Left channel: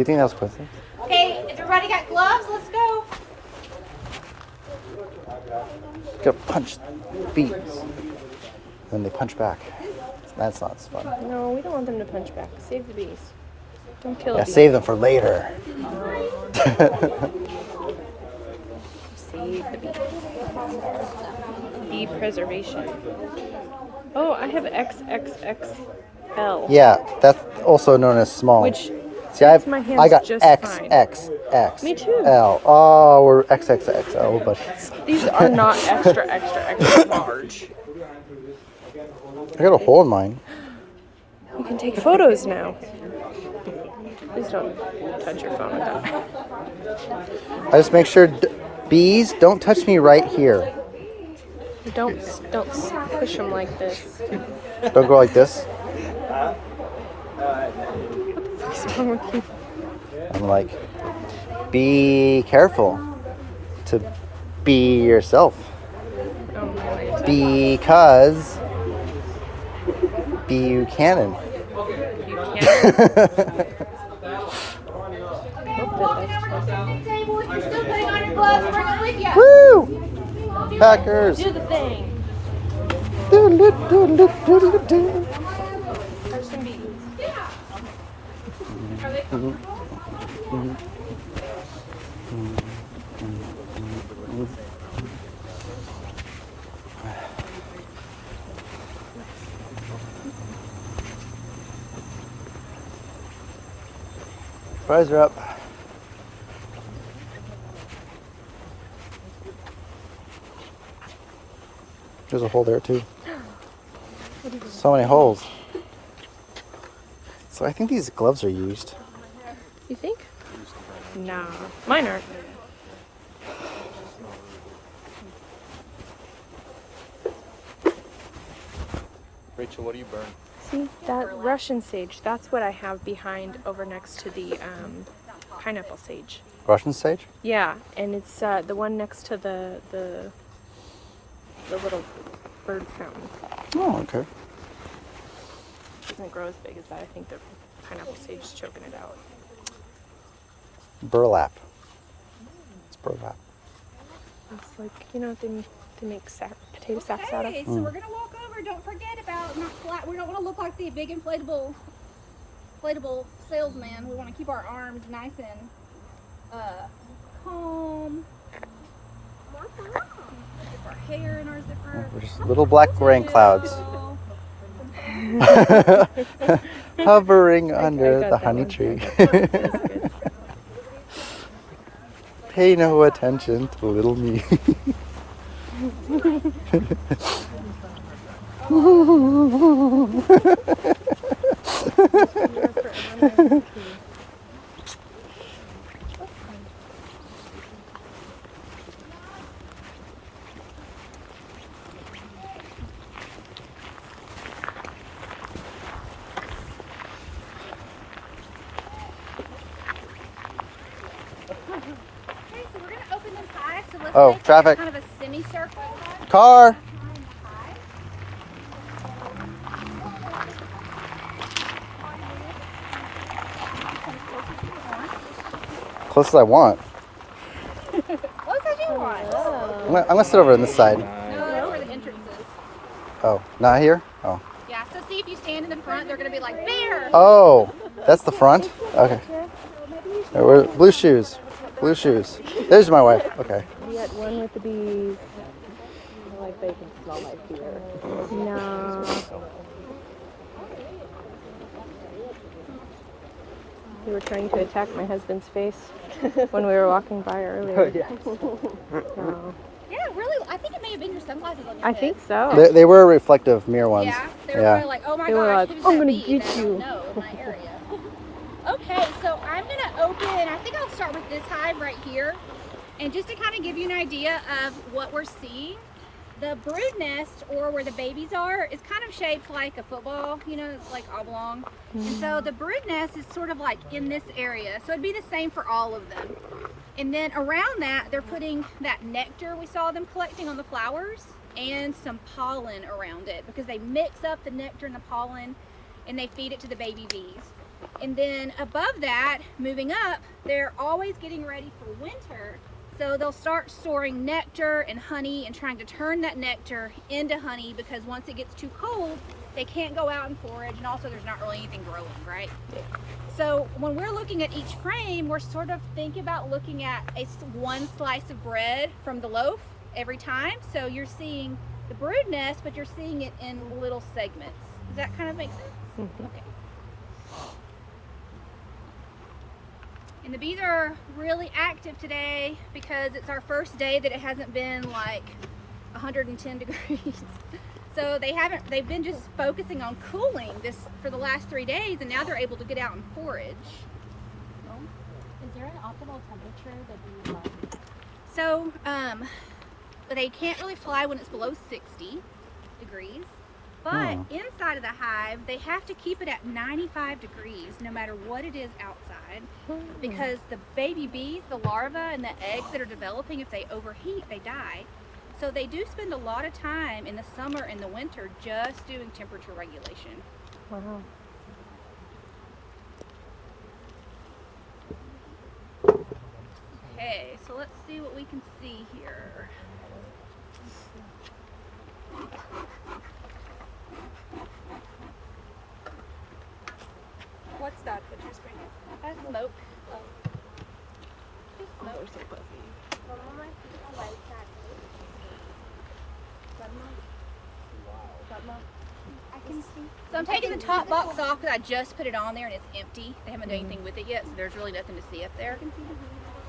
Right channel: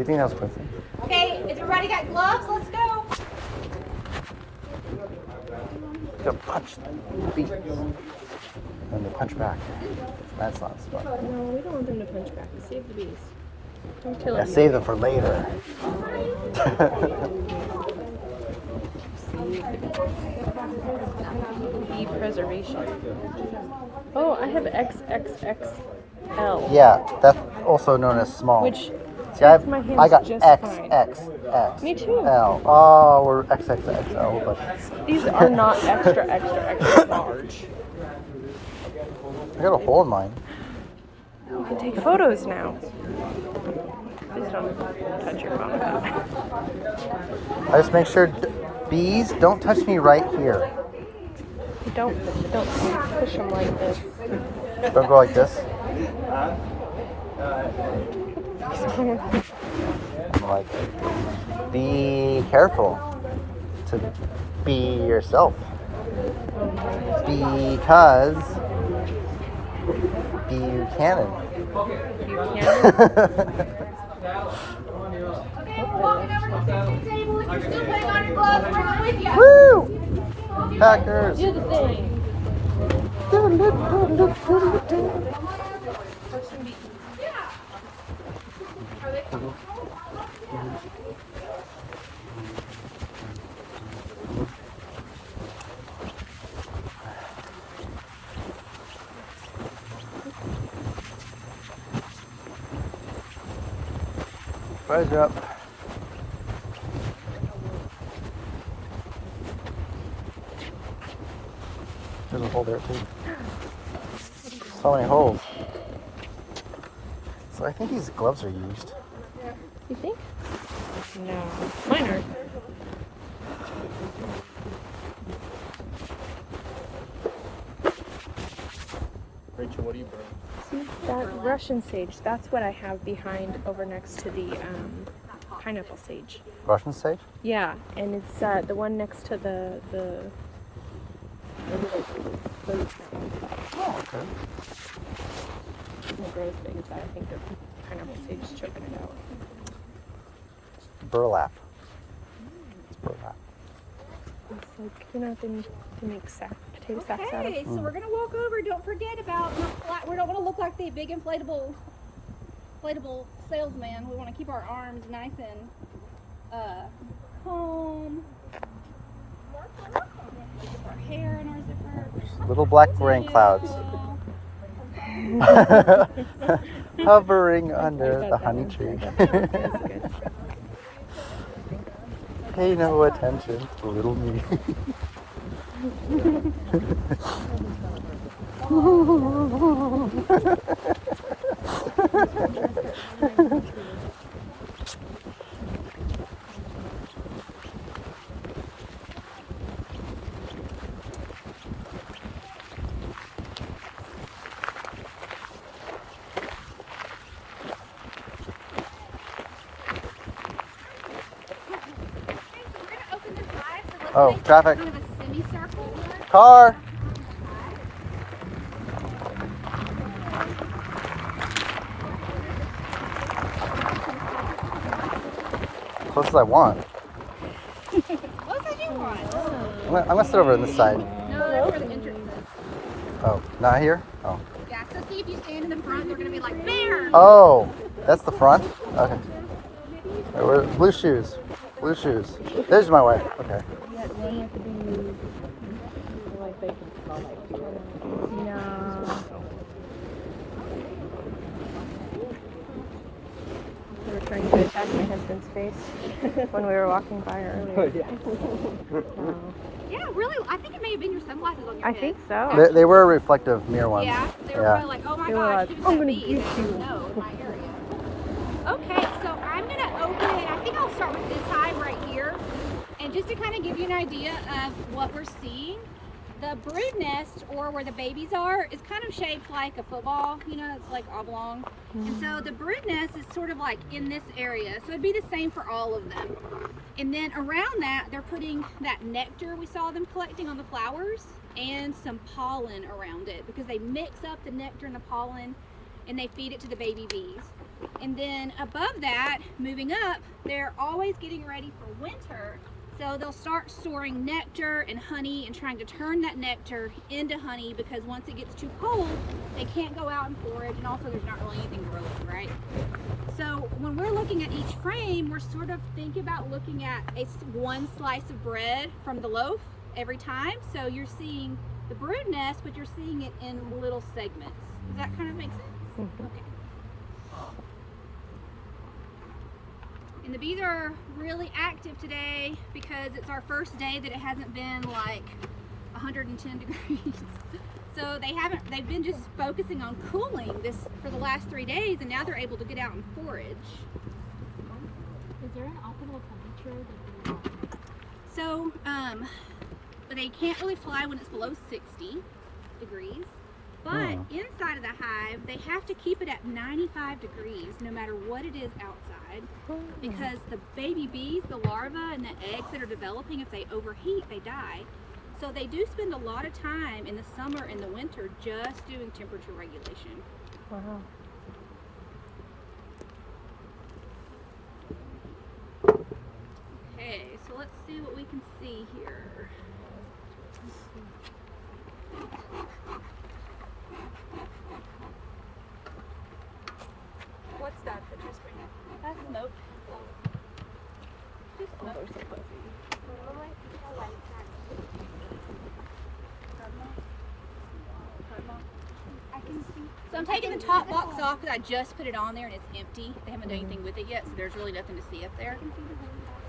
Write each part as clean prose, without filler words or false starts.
you think that's close? Okay, everybody got gloves? Let's go. You gotta punch bees. Then they punch back. That's not fun. No, we don't want them to punch back. Save the bees. Don't kill Yeah, it. save them for later. Save the bees. Bee preservation. Oh, I have XXXL. Yeah, that's also known as small. Which See, fits my hands I got just fine. XXX. Me too. L. Oh, we're XXXO, but These are not extra large. I got a hole in mine. You can take photos now. Please don't touch your phone. I just make sure bees don't touch me right here. Don't push them like this. Don't go like this. I'm like, be careful to be yourself. Oh my. Because Buchanan. Buchanan? Table, if you're still putting on your gloves, bring them with you. Woo! Packers. Do the thing. Are they comfortable? Fries are up. There's a hole there too. So many holes. So I think these gloves are used. You think? No, mine aren't. Rachel, what do you burn? See, that Russian sage, that's what I have behind over next to the pineapple sage. Russian sage? Yeah, and it's the one next to the little bird fountain. Oh, okay. It doesn't grow as big as that. I think the pineapple sage is choking it out. Burlap. It's burlap. It's like, you know, they make potato sacks out of. Okay, so we're gonna walk over. Don't forget about not flat. We don't want to look like the big inflatable salesman. We want to keep our arms nice and calm. Keep our hair in our zipper. There's little black rain clouds hovering under the honey tree. That's good. Pay no attention to little me. Okay, so we're gonna open this high. So let's Oh, make traffic. kind of a semicircle. Car! High. Close as I want. Close as you want. I'm gonna sit over on this side. No, that's where the entrance is. Oh, not here? Oh. Yeah, so see if you stand in the front, they're gonna be like, bear! Oh, that's the front? Okay. Alright, where, blue shoes. Blue shoes. There's my wife. Okay. You got one with the bees. Like they can smell like bees. No. You were trying to attack my husband's face when we were walking by earlier. No. Yeah, really, I think it may have been your sunglasses on your I head. think so. They were reflective mirror ones. Yeah, they were Yeah. probably like, oh my They were gosh, like, who's I'm that gonna bee get that I don't you. know in my area? Okay, so I'm gonna open, I think I'll start with this hive right here. And just to kind of give you an idea of what we're seeing, the brood nest, or where the babies are, is kind of shaped like a football, you know, it's like oblong. And so the brood nest is sort of like in this area. So it'd be the same for all of them. And then around that, they're putting that nectar we saw them collecting on the flowers and some pollen around it, because they mix up the nectar and the pollen and they feed it to the baby bees. And then above that, moving up, they're always getting ready for winter. So they'll start storing nectar and honey and trying to turn that nectar into honey, because once it gets too cold, they can't go out and forage, and also there's not really anything growing, right? So when we're looking at each frame, we're sort of thinking about looking at one slice of bread from the loaf every time. So you're seeing the brood nest, but you're seeing it in little segments. Does that kind of make sense? Mm-hmm. Okay. And the bees are really active today because it's our first day that it hasn't been like 110 degrees. So they've been just focusing on cooling this for the last 3 days, and now they're able to get out and forage. Is there an optimal temperature that you want? So they can't really fly when it's below 60 degrees, but inside of the hive, they have to keep it at 95 degrees no matter what it is outside, because the baby bees, the larvae and the eggs that are developing, if they overheat, they die. So they do spend a lot of time in the summer and the winter just doing temperature regulation. Okay, so let's see what we can see here. What's that that you're spraying? That's smoke. Just smoke. I can see. So I'm taking the top box off because I just put it on there and it's empty. They haven't done anything with it yet, so there's really nothing to see up there.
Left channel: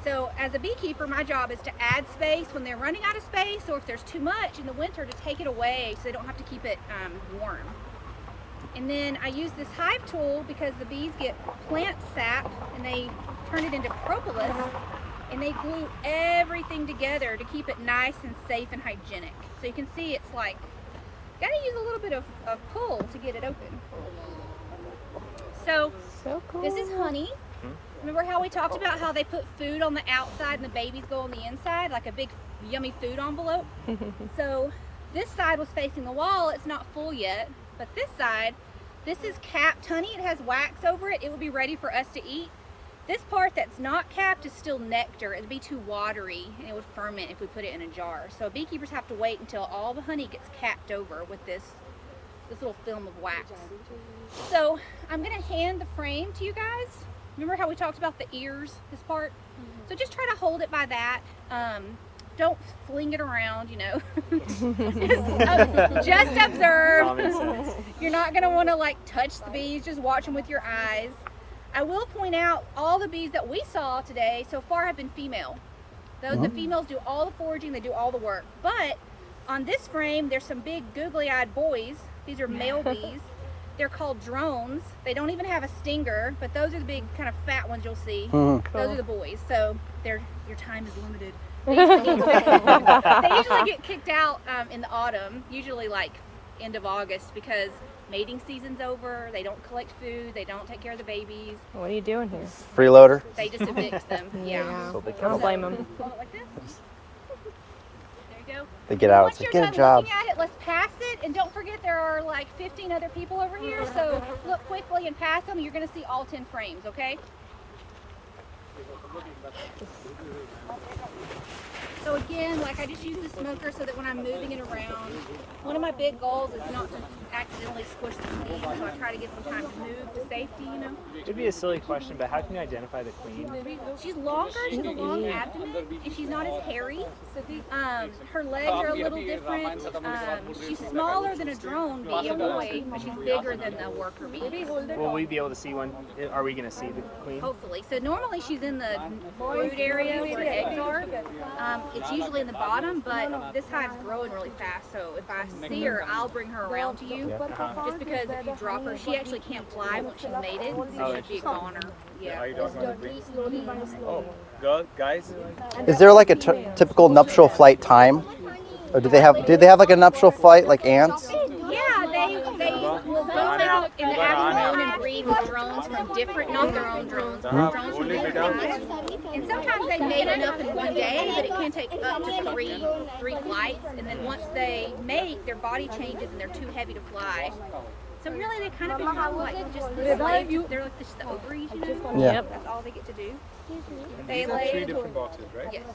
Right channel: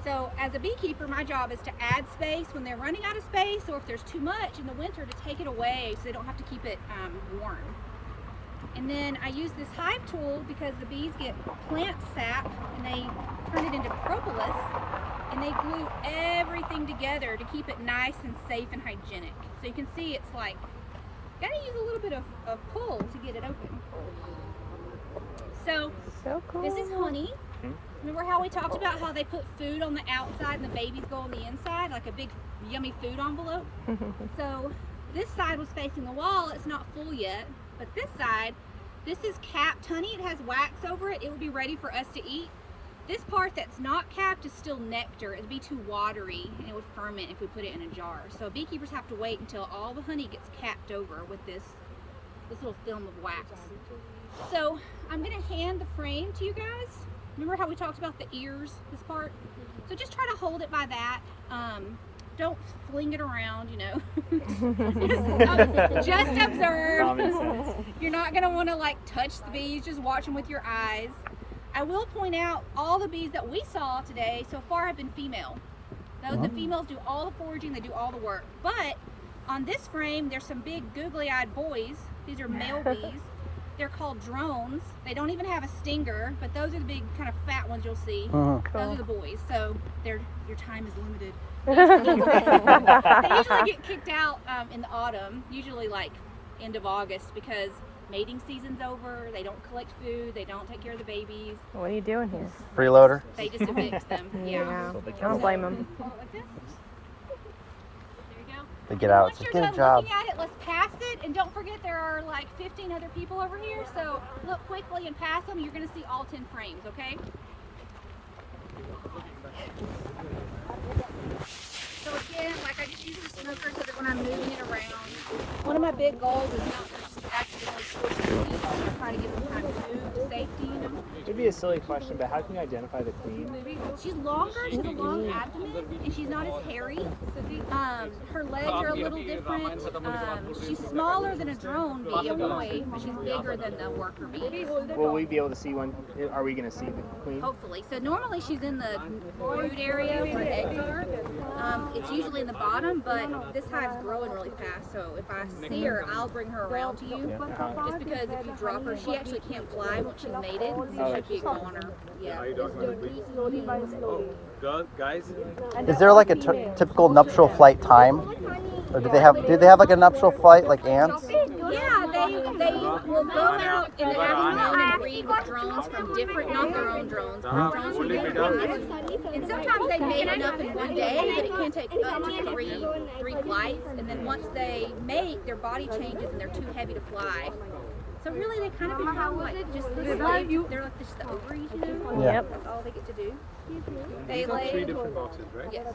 So as a beekeeper, my job is to add space when they're running out of space, or if there's too much in the winter, to take it away so they don't have to keep it warm. And then I use this hive tool because the bees get plant sap and they turn it into propolis, and they glue everything together to keep it nice and safe and hygienic. So you can see it's like, gotta use a little bit of pull to get it open. So cool. This is honey. Remember how we talked about how they put food on the outside and the babies go on the inside, like a big yummy food envelope? So this side was facing the wall, it's not full yet, but this side, this is capped honey, it has wax over it, it would be ready for us to eat. This part that's not capped is still nectar. It'd be too watery and it would ferment if we put it in a jar. So beekeepers have to wait until all the honey gets capped over with this little film of wax. So I'm gonna hand the frame to you guys. Remember how we talked about the ears, this part? So just try to hold it by that. Don't fling it around, you know. Just observe. You're not gonna wanna like touch the bees, just watch them with your eyes. I will point out all the bees that we saw today so far have been female. The females do all the foraging, they do all the work. But on this frame, there's some big googly-eyed boys. These are male bees. They're called drones. They don't even have a stinger, but those are the big kind of fat ones you'll see. Those are the boys. So your time is limited. They usually get kicked out in the autumn, usually like end of August, because mating season's over, they don't collect food, they don't take care of the babies. What are you doing here? Freeloader. They just evict them. Yeah. I don't blame them. Hold it like this. There you go. They get out. Once It's you're like, done get a job. looking at it, let's pass it. And don't forget there are like 15 other people over here, so look quickly and pass them. You're going to see all 10 frames, okay? So again, like I just use the smoker so that when I'm moving it around, one of my big goals is not to accidentally squish the queen, so I try to give them time to move to safety, you know. It'd be a silly question, but how can you identify the queen? She's longer, she has a long abdomen, and she's not as hairy. Her legs are a little different. She's smaller than a drone bee, a boy, but she's bigger than the worker bee. Will we be able to see one? Are we going to see the queen? Hopefully. So normally she's in the brood area where the eggs are. It's usually in the bottom, but this hive's growing really fast, so if I see her, I'll bring her around to you. Just because if you drop her, she actually can't fly once she's mated, so she'd be a goner. Yeah. Are you talking about the queen? Oh, guys. Is there like a typical nuptial flight time? Or do they have like a nuptial flight like ants? Yeah, they will go out in the afternoon and breed with drones from different, not their own drones, but drones from different hives. And sometimes they mate enough in one day, but it can take up to three flights. And then once they mate, their body changes and they're too heavy to fly. So really, they kind of become like just the slaves. They're like just the ovaries, you know? Yeah. That's all they get to do. And They these are 3 lay, different boxes, right? yes.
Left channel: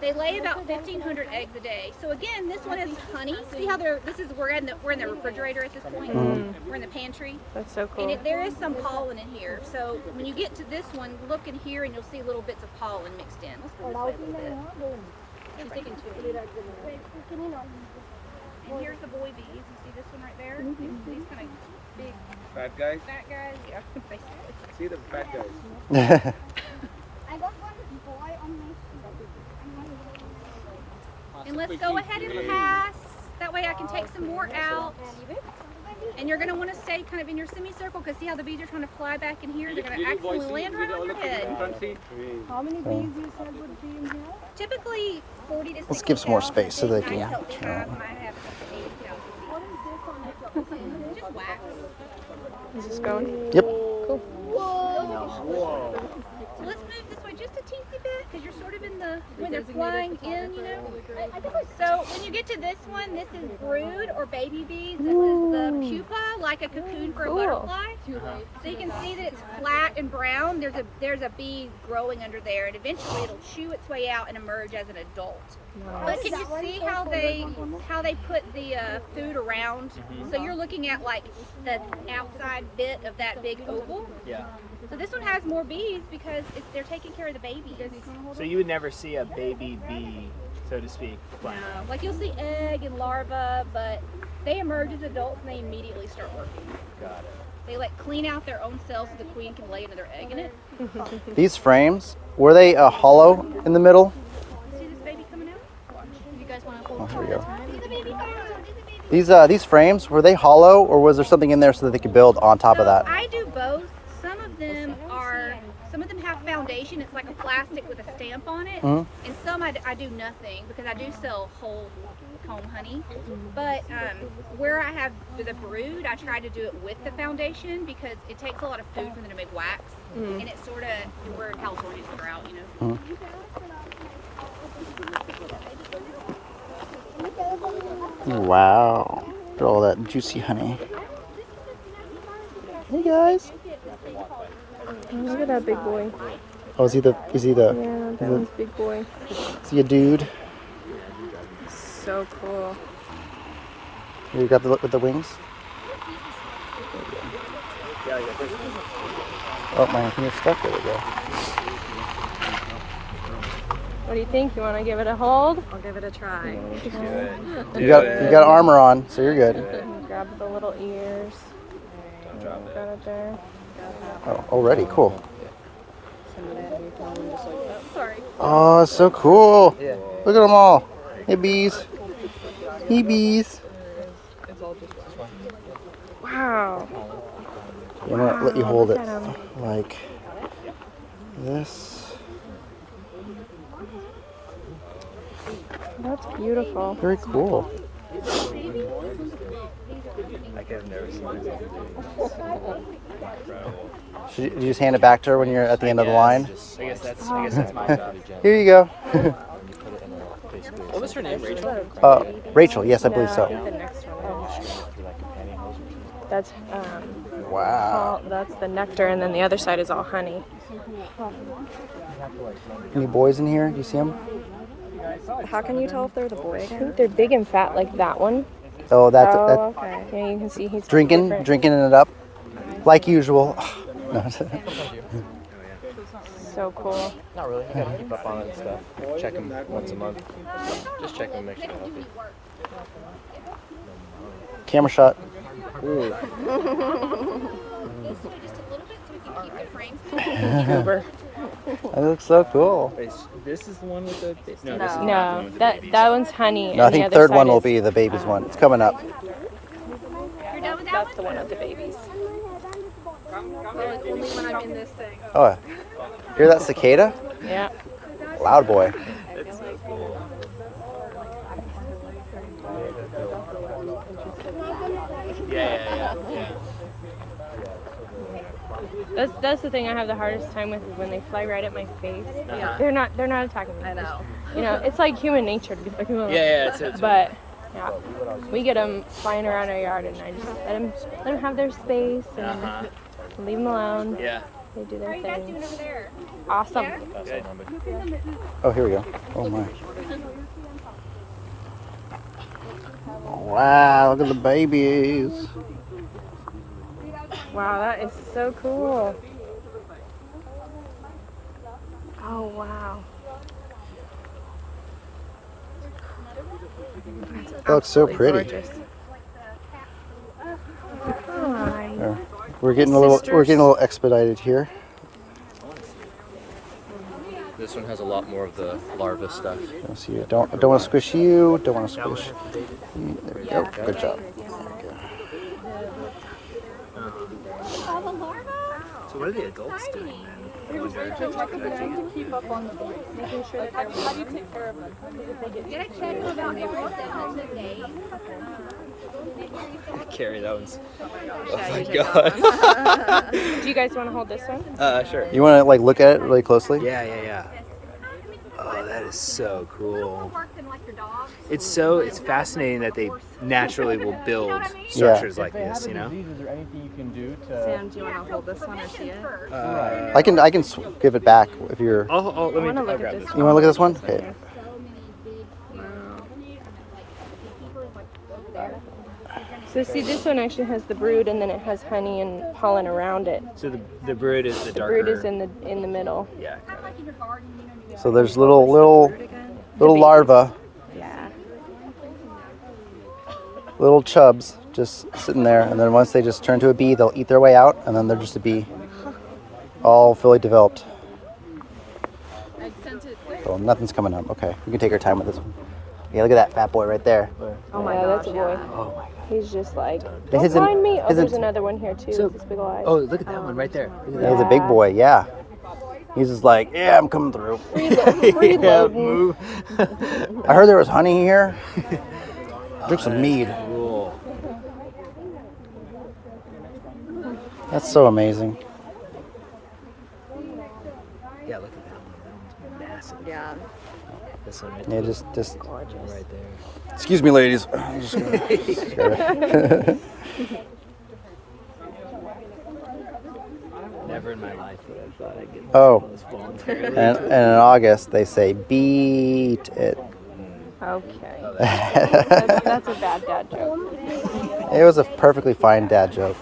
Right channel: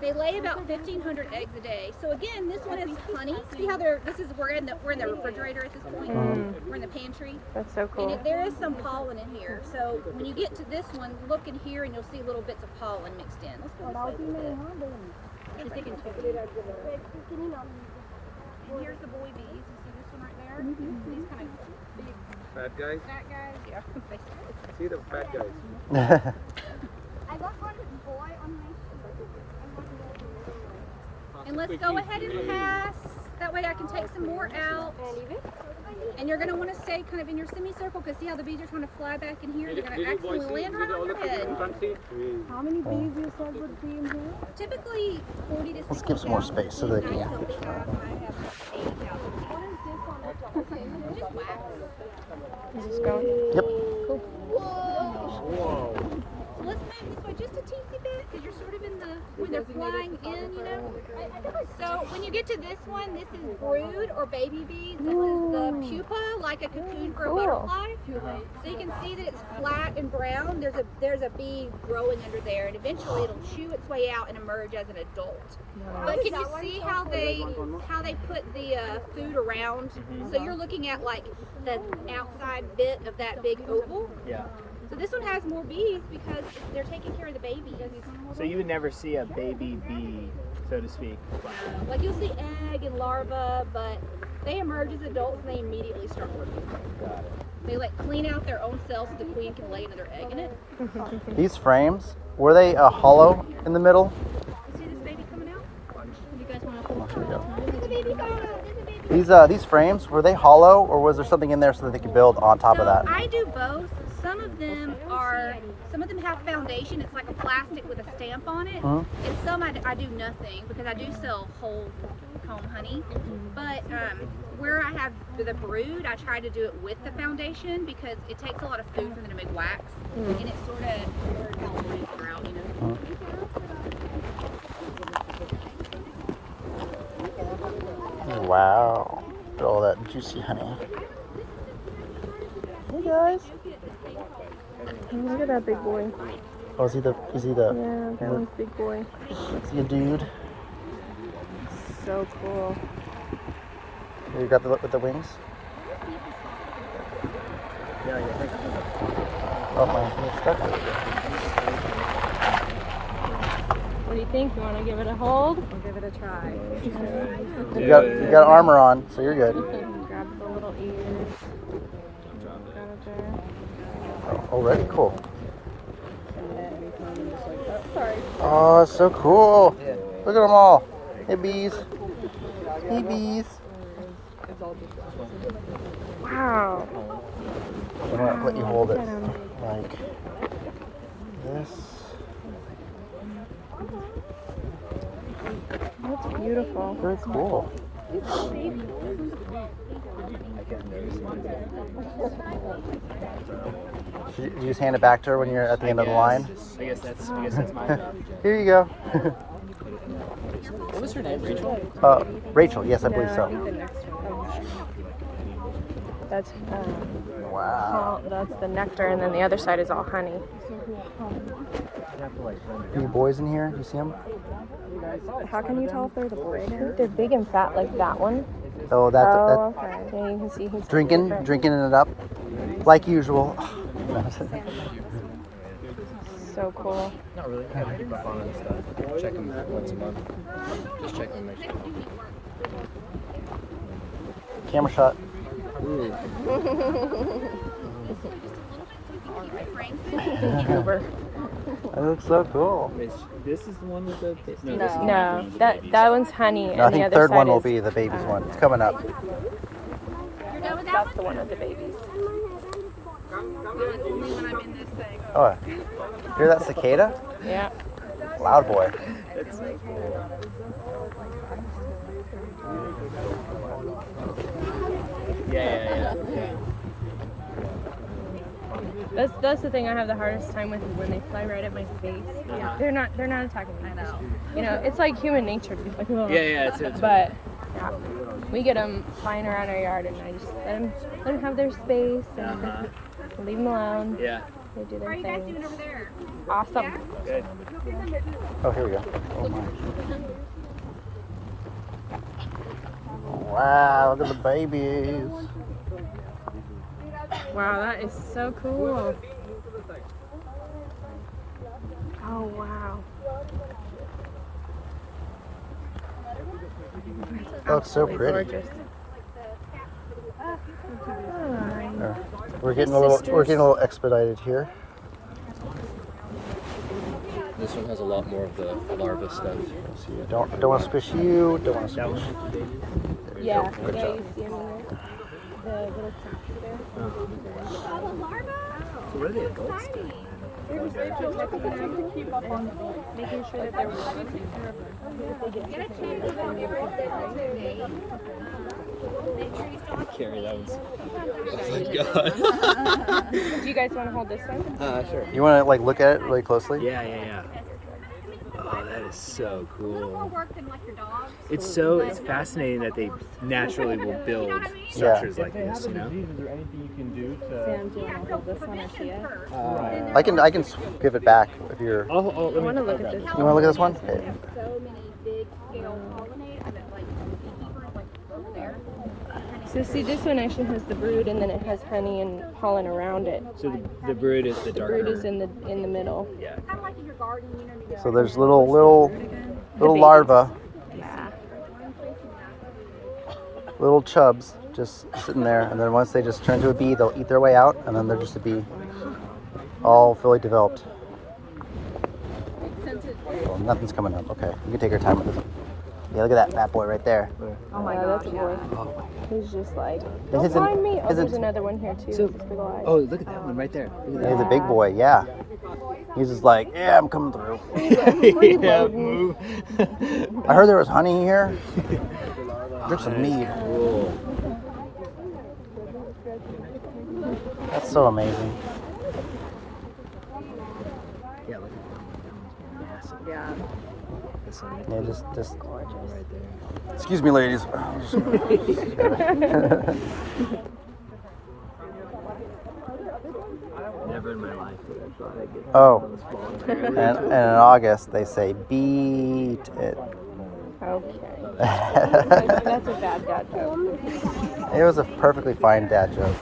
They lay about 1,500 eggs a day. So again, this one is honey. See how they're, we're in the refrigerator at this point. We're in the pantry. That's so cool. And there is some pollen in here. So when you get to this one, look in here and you'll see little bits of pollen mixed in. Let's go this way a little bit. She's thinking too. And here's the boy bees. You see this one right there? These kind of big Fat guys. fat guys. Yeah, basically. See the fat guys. I got one boy on my And let's go ahead and pass. That way I can take some more out. And you're going to want to stay kind of in your semicircle because see how the bees are trying to fly back in here? They're going to accidentally land right on your head. How many bees you said would be in here? Typically 40 to 60,000. Let's give some more space so they can- I healthy hive might have up to 80,000 bees. What is this on the top? It's just wax. Is this going? Yep. So let's move this way just a teensy bit because you're sort of in the, when they're flying in, you know. So when you get to this one, this is brood or baby bees. This is the pupa, like a cocoon for a butterfly. So you can see that it's flat and brown. There's a bee growing under there, and eventually it'll chew its way out and emerge as an adult. But can you see how they put the food around? So you're looking at like the outside bit of that big oval. Yeah. So this one has more bees because they're taking care of the babies. So you would never see a baby bee, so to speak. No, like you'll see egg and larva, but they emerge as adults and they immediately start working. Got it. They like clean out their own cells so the queen can lay another egg in it. These frames, were they hollow in the middle? See this baby coming out? Watch. If you guys want to hold two at a time. There's a baby coming out. There's a baby. These frames, were they hollow or was there something in there so that they could build on top of that? I do both. Some of them have foundation. It's like a plastic with a stamp on it. And some I do nothing because I do sell whole comb honey. But where I have the brood, I try to do it with the foundation because it takes a lot of food for them to make wax. And it's sort of, we're in California, it's a drought, you know. Wow. Look at all that juicy honey. Hey guys. Look at that big boy. Oh, is he the Yeah, that one's big boy. is he a dude? So cool. You got the look with the wings? Oh, my mistake. What do you think? You want to give it a hold? I'll give it a try. You got armor on, so you're good. Grab the little ears. Got it there. Already cool. Oh, it's so cool. Look at them all. Hey bees. Hey bees. Wow. I'm gonna let you hold it like this. That's beautiful. Very cool. Should you just hand it back to her when you're at the end of the line? I guess that's my job. Here you go. What was her name? Rachel? Rachel, yes, I believe so. That's Wow. that's the nectar, and then the other side is all honey. Any boys in here? Do you see them? How can you tell if they're the boy? They're big and fat like that one. Oh, that's Okay. Yeah, you can see he's drinking different. it up, like usual. So cool. Not really. I gotta keep up on it and stuff. Check them once a month. Just check them, make sure they're healthy. Camera shot. This way just a little bit so we can keep the frames moving. That looks so cool. This is the one with the baby. No, that one's honey. No, I and the think other third side one will is- be the baby's one. It's coming up. You're done with that That's the one with the babies. Only when I'm in this thing. Oh, hear that cicada? Yeah. Loud boy. Yeah. That's the thing I have the hardest time with is when they fly right at my face. Yeah. They're not attacking me. I know. You know, it's like human nature to be like, oh. Yeah, it's But Yeah. We get them flying around our yard, and I just let them have their space and leave them alone. Yeah. They do How their are you guys thing. doing over there? Awesome. Yeah? Good. Oh, here we go. Oh my. Wow, look at the babies. Wow, that is so cool. Oh wow. That looks so pretty. Gorgeous. There. We're getting a little expedited here. This one has a lot more of the larva stuff. Let's see, don't want to squish you. Don't want to That one squish. has the baby. There you Yeah, go. Good yeah, job. you see them in there? The little Oh, the larva? So what are the adults Exciting. doing? It was very good. Like a to keep up on making sure that they're how do you take care of them? If they get You gotta check them out every 7 days. Make sure you still have a Carry that one's. Oh my god. Do you guys want to hold this one? Sure. You want to like look at it really closely? Yeah. Oh, that is so little more cool. work than like your dogs. It's fascinating that they naturally will build structures like this, you know? Sam, do you want to hold this one or see it? I can give it back if you're. Oh, let me wanna look grab at this. this. You want to look at this one? Okay. So many big pollinate. I bet like keepers like over there. So see, this one actually has the brood, and then it has honey and pollen around it. So the brood is the The darker. brood is in the middle. Yeah. Kind of like in your garden, you know. You get So there's little baby. larvae, Yeah. little chubs just sitting there, and then once they just turn to a bee, they'll eat their way out, and then they're just a bee, all fully developed. Well, nothing's coming up. Okay, we can take our time with this one. Yeah, look at that fat boy right there. Oh my God, that's a boy. He's just like, don't His in- mind me. Oh, his in- there's another one here too. So- with his big ol' eyes. Oh, look at that one right there. Look at He's a big boy, yeah. He's just like, yeah, I'm coming through. that. Yeah, move. I heard there was honey here. Drink some mead. Cool. That's so amazing. Yeah, look at that one. That one's massive. Yeah. This one right Yeah, there. just. Right there. Excuse me, ladies. I'm just gonna- Never in my life would I thought I'd get Oh. close voluntarily. and in August, they say beat it. Okay. Oh, that's That's a bad dad joke. It was a perfectly fine dad joke.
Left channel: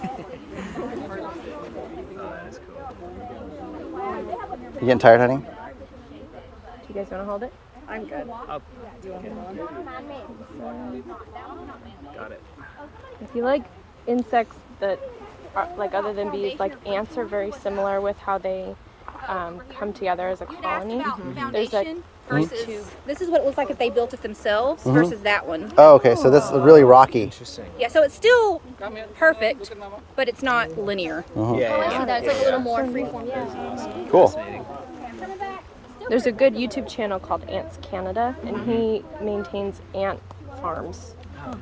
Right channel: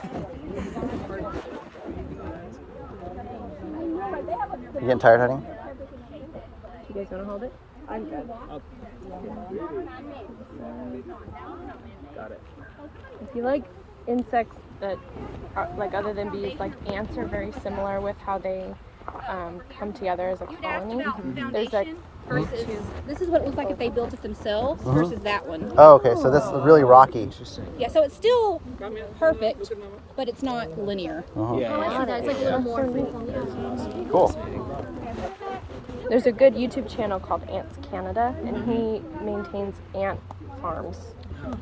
You getting tired, honey? Do you guys want to hold it? I'm good. Got it. If you like insects that are, like other than bees, like ants are very similar with how they come together as a You'd asked colony. about There's like foundation versus this is what it looks like if they built it themselves versus that one. Oh, okay. So this is really rocky. Interesting. Yeah, so it's still perfect, but it's not linear. Yeah, Oh, I see that. It's like a little more freeform. Yeah. Cool. There's a good YouTube channel called Ants Canada, and he maintains ant farms,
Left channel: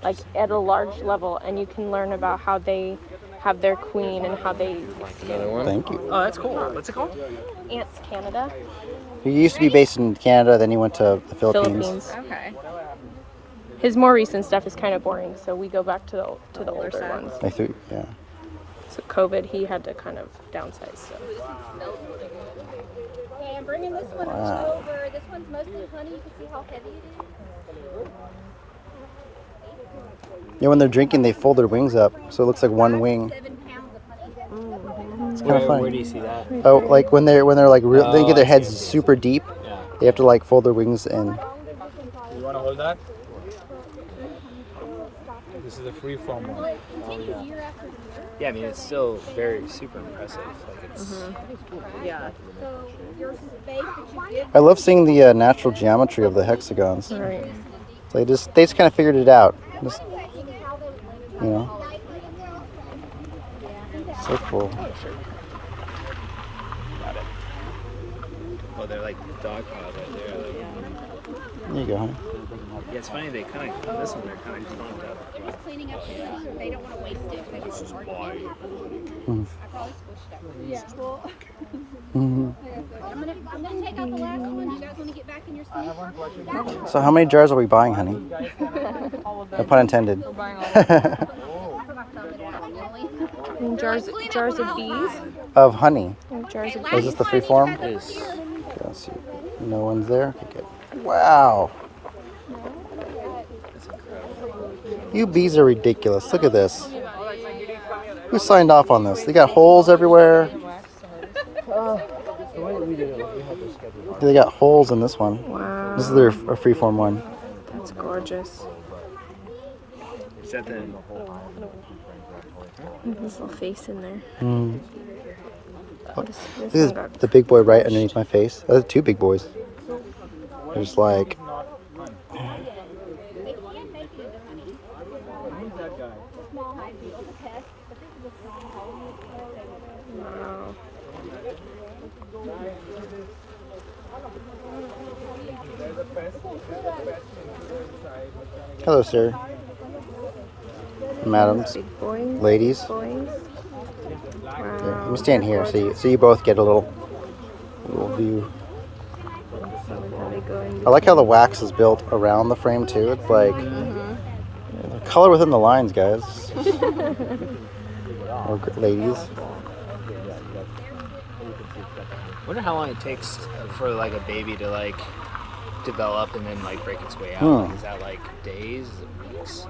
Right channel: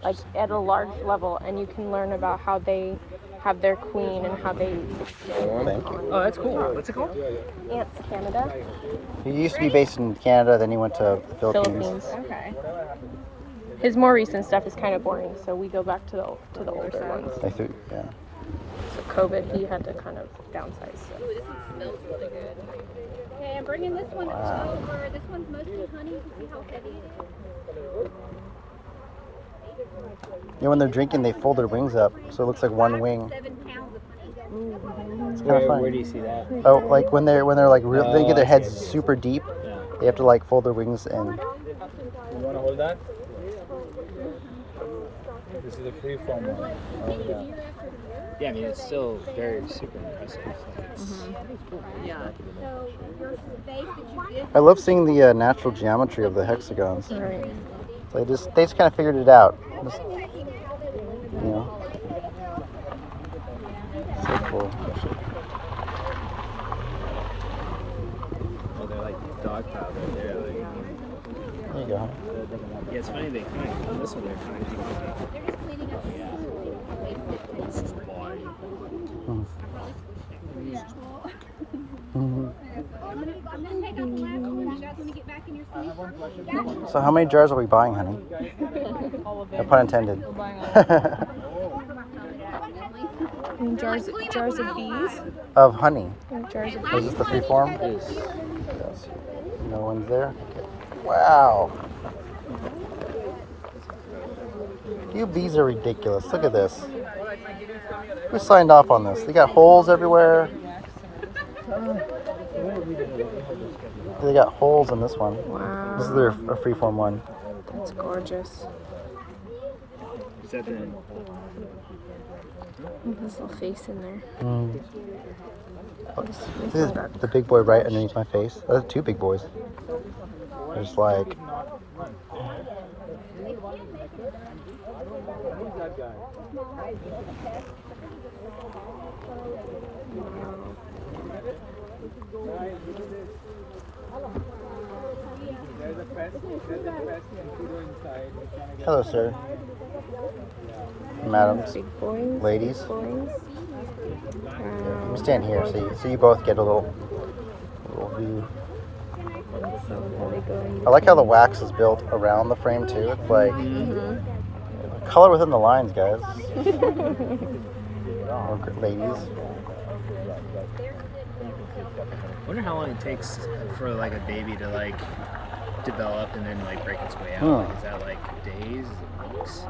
like at a large level, and you can learn about how they have their queen and how they. Thank you. Oh, that's cool. What's it called? Ants Canada, He used to be based in Canada, then he went to the Philippines. Philippines. Okay. His more recent stuff is kind of boring, so we go back to the older ones. They threw, yeah. So COVID, he had to kind of downsize. So. Okay, I'm bringing this one over. This one's mostly honey. You can see how heavy it is. Yeah, when they're drinking, they fold their wings up, so it looks like one wing. 7 pounds of honey. It's kind of Where funny. do you see that? Oh, like when they're like real, they Oh, get their I heads see. super deep. Yeah. They have to like fold their wings in. You want to hold that? This is a free-form one. Continue year after year. Yeah, I mean, it's still very super impressive. Like it's, Yeah. So your space that you give I love seeing the natural geometry of the hexagons. Right. They just kind of figured it out. Just, you know, so cool. oh, they're like dog piles right there. Like, There you go. yeah, it's funny. They kind of this one they're kind of clumped up. They're just cleaning up the honey. They don't want to waste it. They want to market it. I probably squished it. Mhm. Come I'm gonna take out the last one. You guys want to get back in your seat? So how many jars are we buying, honey? No pun intended. And jars of bees. Of honey. And jars of Is this the free form? Yes. Let's see. No one's there? Okay. Wow. You bees are ridiculous. Look at this. Who signed off on this? They got holes everywhere. They got holes in this one. Wow. This is their freeform one. That's gorgeous. Is that the His little face in there. Mm. Look at this, the big boy right underneath my face. Oh, two big boys. They're just like. Hello, sir. Madams, Big boys. ladies. Boys. Here, Wow. let me stand here so you both get a little view. How they go in I like how the wax is built around the frame too. It's like color within the lines, guys. Or ladies. I wonder how long it takes for like a baby to like develop and then like break its way out. Like, is that like days? Is it weeks?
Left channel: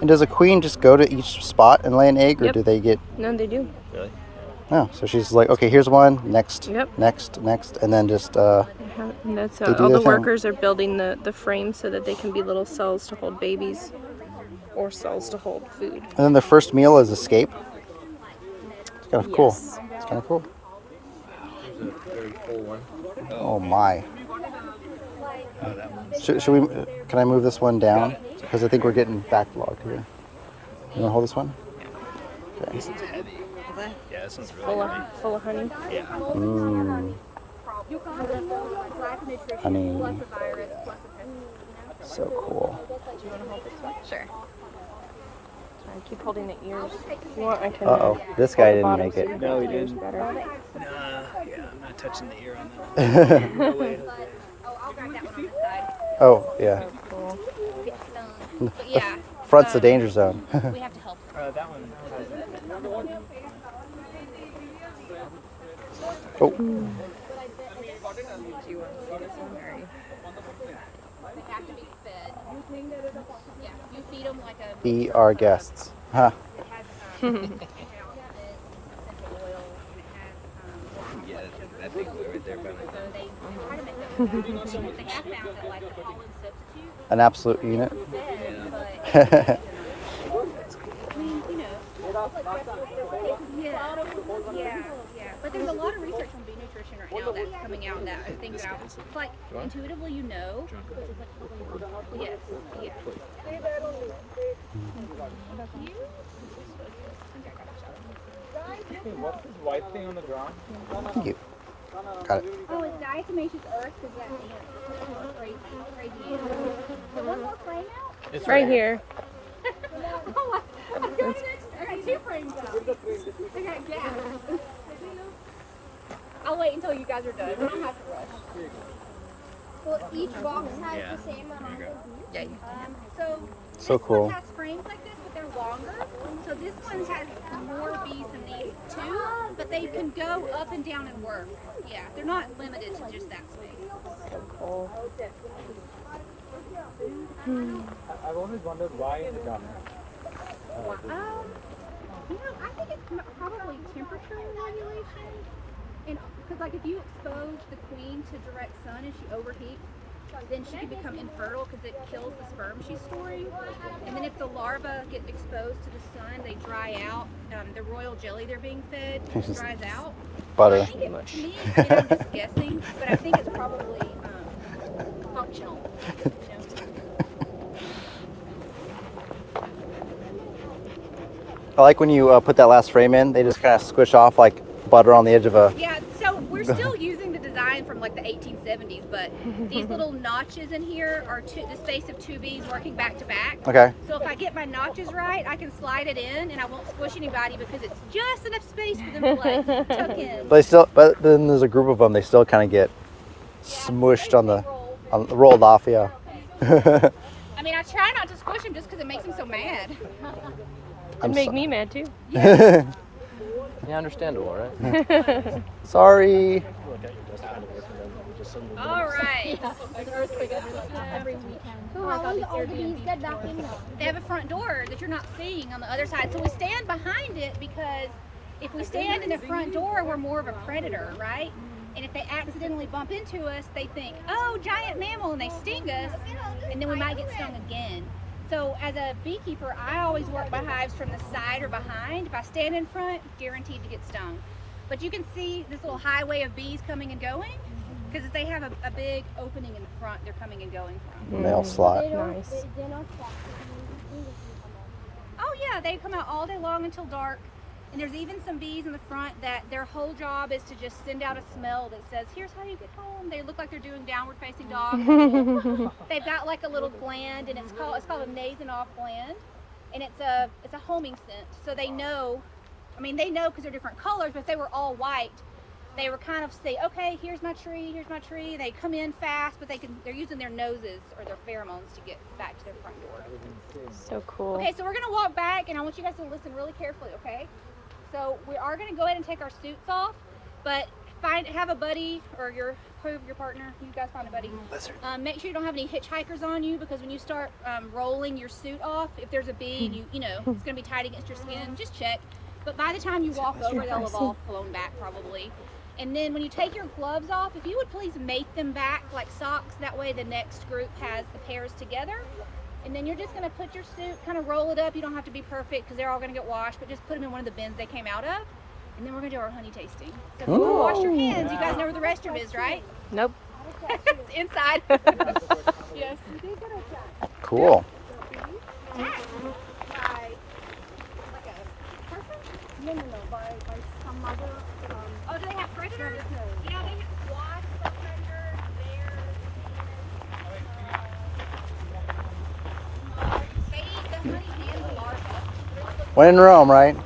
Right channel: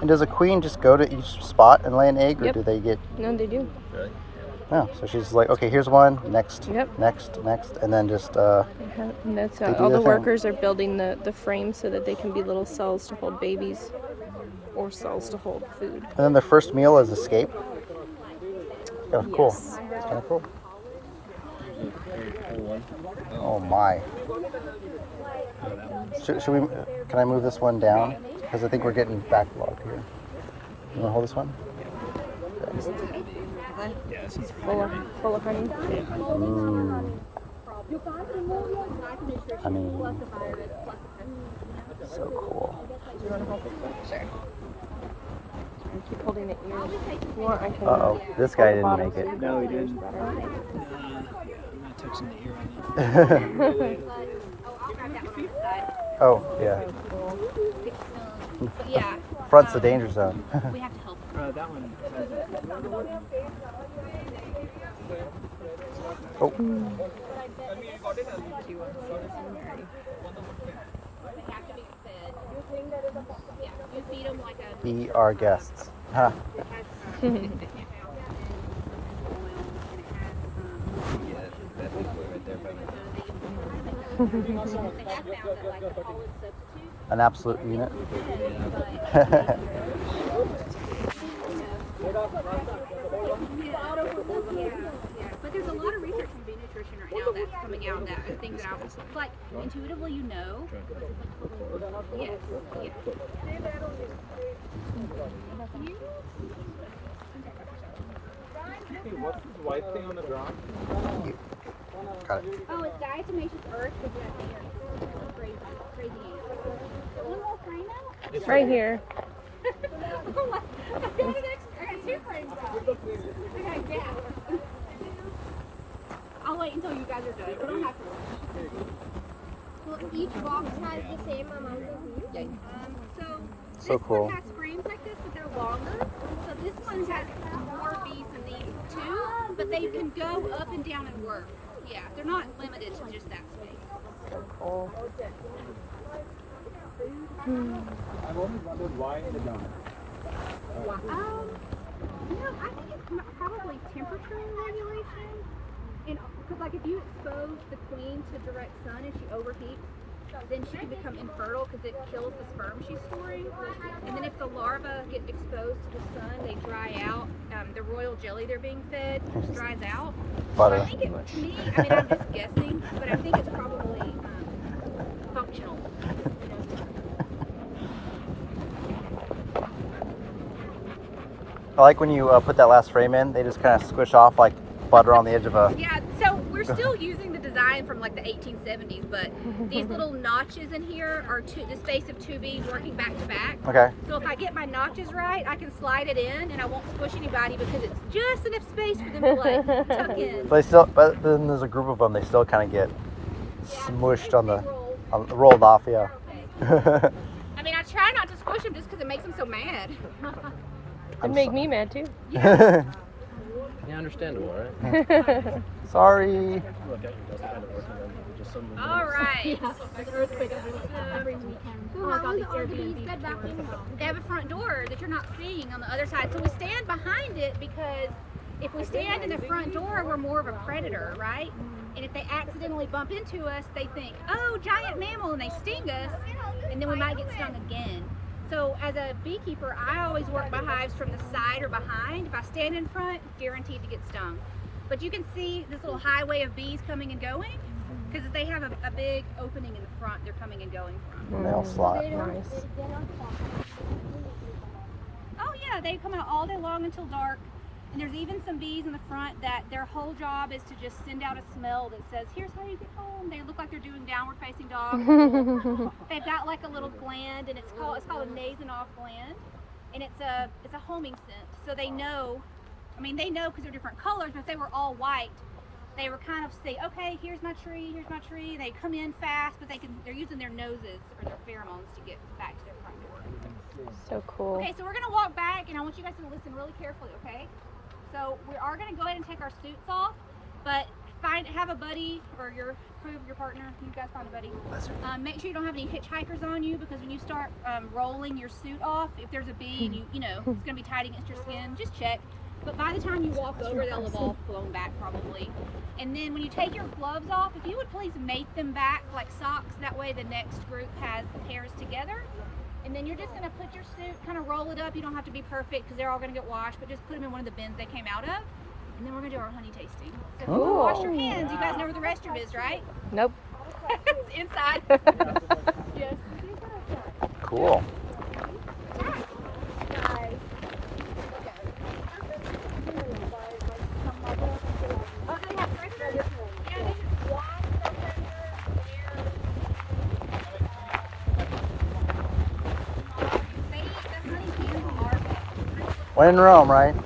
And does a queen just go to each spot and lay an egg, or Yep. do they get? No, they do. Really? No. So she's like, okay, here's one. Next. Yep. Next. And then just. And that's They do all their the thing. workers are building the frame so that they can be little cells to hold babies or cells to hold food. And then the first meal is escape. It's kind of cool. Yes. It's kind of cool. Very full one. Oh my. Oh, that one. Should we? Can I move this one down? Because I think we're getting backlogged here. You wanna hold this one? This one's heavy. Yeah, this one's really Full heavy. of honey. Yeah. Mm, honey. So cool. Do you want to hold this one? Sure. Keep holding the ears. You want, I can, Uh-oh, this guy didn't make it. No, he didn't. Nah, yeah, I'm not touching the ear on that one. No way. I'll grab that one on the side. Oh, yeah. But yeah, Front's the danger zone. we have to help. That one has it. Oh, They have to be fed. Yeah, you feed them like a. be our guests. Huh. It has essential oil and it has Yeah, that big boy right there by my so they try to make that food. They have found that like the pollen substitute An absolute unit. fed, but you know. Yeah. But there's a lot of research on bee nutrition right now that's coming out that are things that it's like intuitively you know. Yes. Yeah. What's this white thing on the ground? Thank you. Got it. Oh, it's diatomaceous earth because we have ants. Crazy ants. One more frame out? It's right here. Oh, I got an extra. I got 2 frames out. Okay, yeah. I'll wait until you guys are done. We don't have to rush. So each box has the same amount of food? So So this cool. one has frames like this, but they're longer. So this one has more bees than these 2, but they can go up and down and work. Yeah, they're not limited to just that space. I've always wondered why in the dark. You know, I think it's probably temperature regulation. And because, like, if you expose the queen to direct sun and she overheats, then she can become infertile because it kills the sperm she's storing. And then if the larvae get exposed to the sun, they dry out. The royal jelly they're being fed dries out. Butter. I think it, to me, I mean, I'm just guessing, but I think it's probably functional. You know? I like when you put that last frame in, they just kind of squish off like butter on the edge of a. Yeah, so we're we're still using the design from like the 1870s, but these little notches in here are the space of 2 bees working back to back. Okay. So if I get my notches right, I can slide it in and I won't squish anybody because it's just enough space for them to like tuck in. But then there's a group of them. They still kind of get smushed rolled off. Yeah. I mean, I try not to squish them just because it makes them so mad. It'd make me mad too. Yeah, understandable, right? Sorry. Look at your desk kind of working and just suddenly. All right. There's an earthquake every weekend. So how is all the bees get back in now? They have a front door that you're not seeing on the other side. So we stand behind it because if we stand in the front door, we're more of a predator, right? And if they accidentally bump into us, they think, oh, giant mammal, and they sting us, and then we might get stung again. So as a beekeeper, I always work my hives from the side or behind. If I stand in front, guaranteed to get stung. But you can see this little highway of bees coming and going, because if they have a big opening in the front, they're coming and going from. Mail slot. They're not Nice. Oh yeah, they come out all day long until dark. And there's even some bees in the front that their whole job is to just send out a smell that says, here's how you get home. They look like they're doing downward facing dog. They've got like a little gland, and it's called a Nasonoff gland. And it's a homing scent. So they know, they know because they're different colors, but if they were all white, they were kind of say, okay, here's my tree. They come in fast, but they're using their noses or their pheromones to get back to their front door. So cool. Okay, so we're gonna walk back, and I want you guys to listen really carefully, okay? So we are gonna go ahead and take our suits off, but have a buddy or your partner. You guys find a buddy. Make sure you don't have any hitchhikers on you, because when you start rolling your suit off, if there's a bee and you know it's gonna be tight against your skin, just check. But by the time you walk over, they'll have all flown back probably. And then when you take your gloves off, if you would please mate them back like socks, that way the next group has the pairs together. And then you're just gonna put your suit, kind of roll it up. You don't have to be perfect because they're all gonna get washed, but just put them in one of the bins they came out of. And then we're gonna do our honey tasting. So if you wanna wash your hands, you guys know where the restroom is, right? Nope. It's inside. Yes. Cool. Oh, do they have predators? Yeah, they watch the predators, bears, they eat the honey and the larvae. When in Rome, right?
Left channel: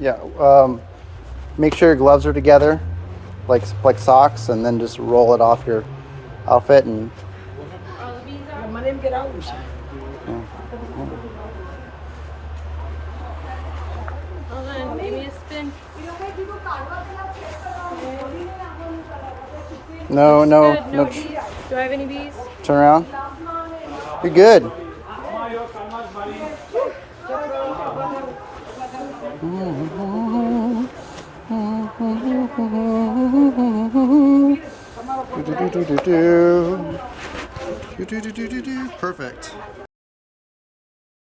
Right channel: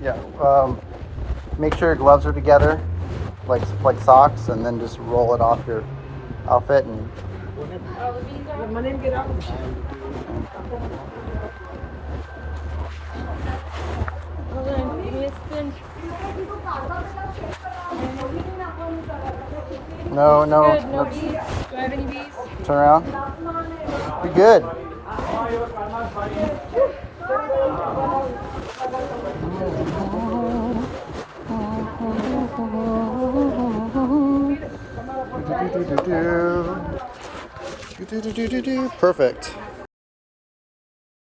Yeah. Make sure your gloves are together, like socks, and then just roll it off your outfit and. Hold on, give me a spin. No. Good, no bees. Do I have any bees? Turn around. You're good. Perfect.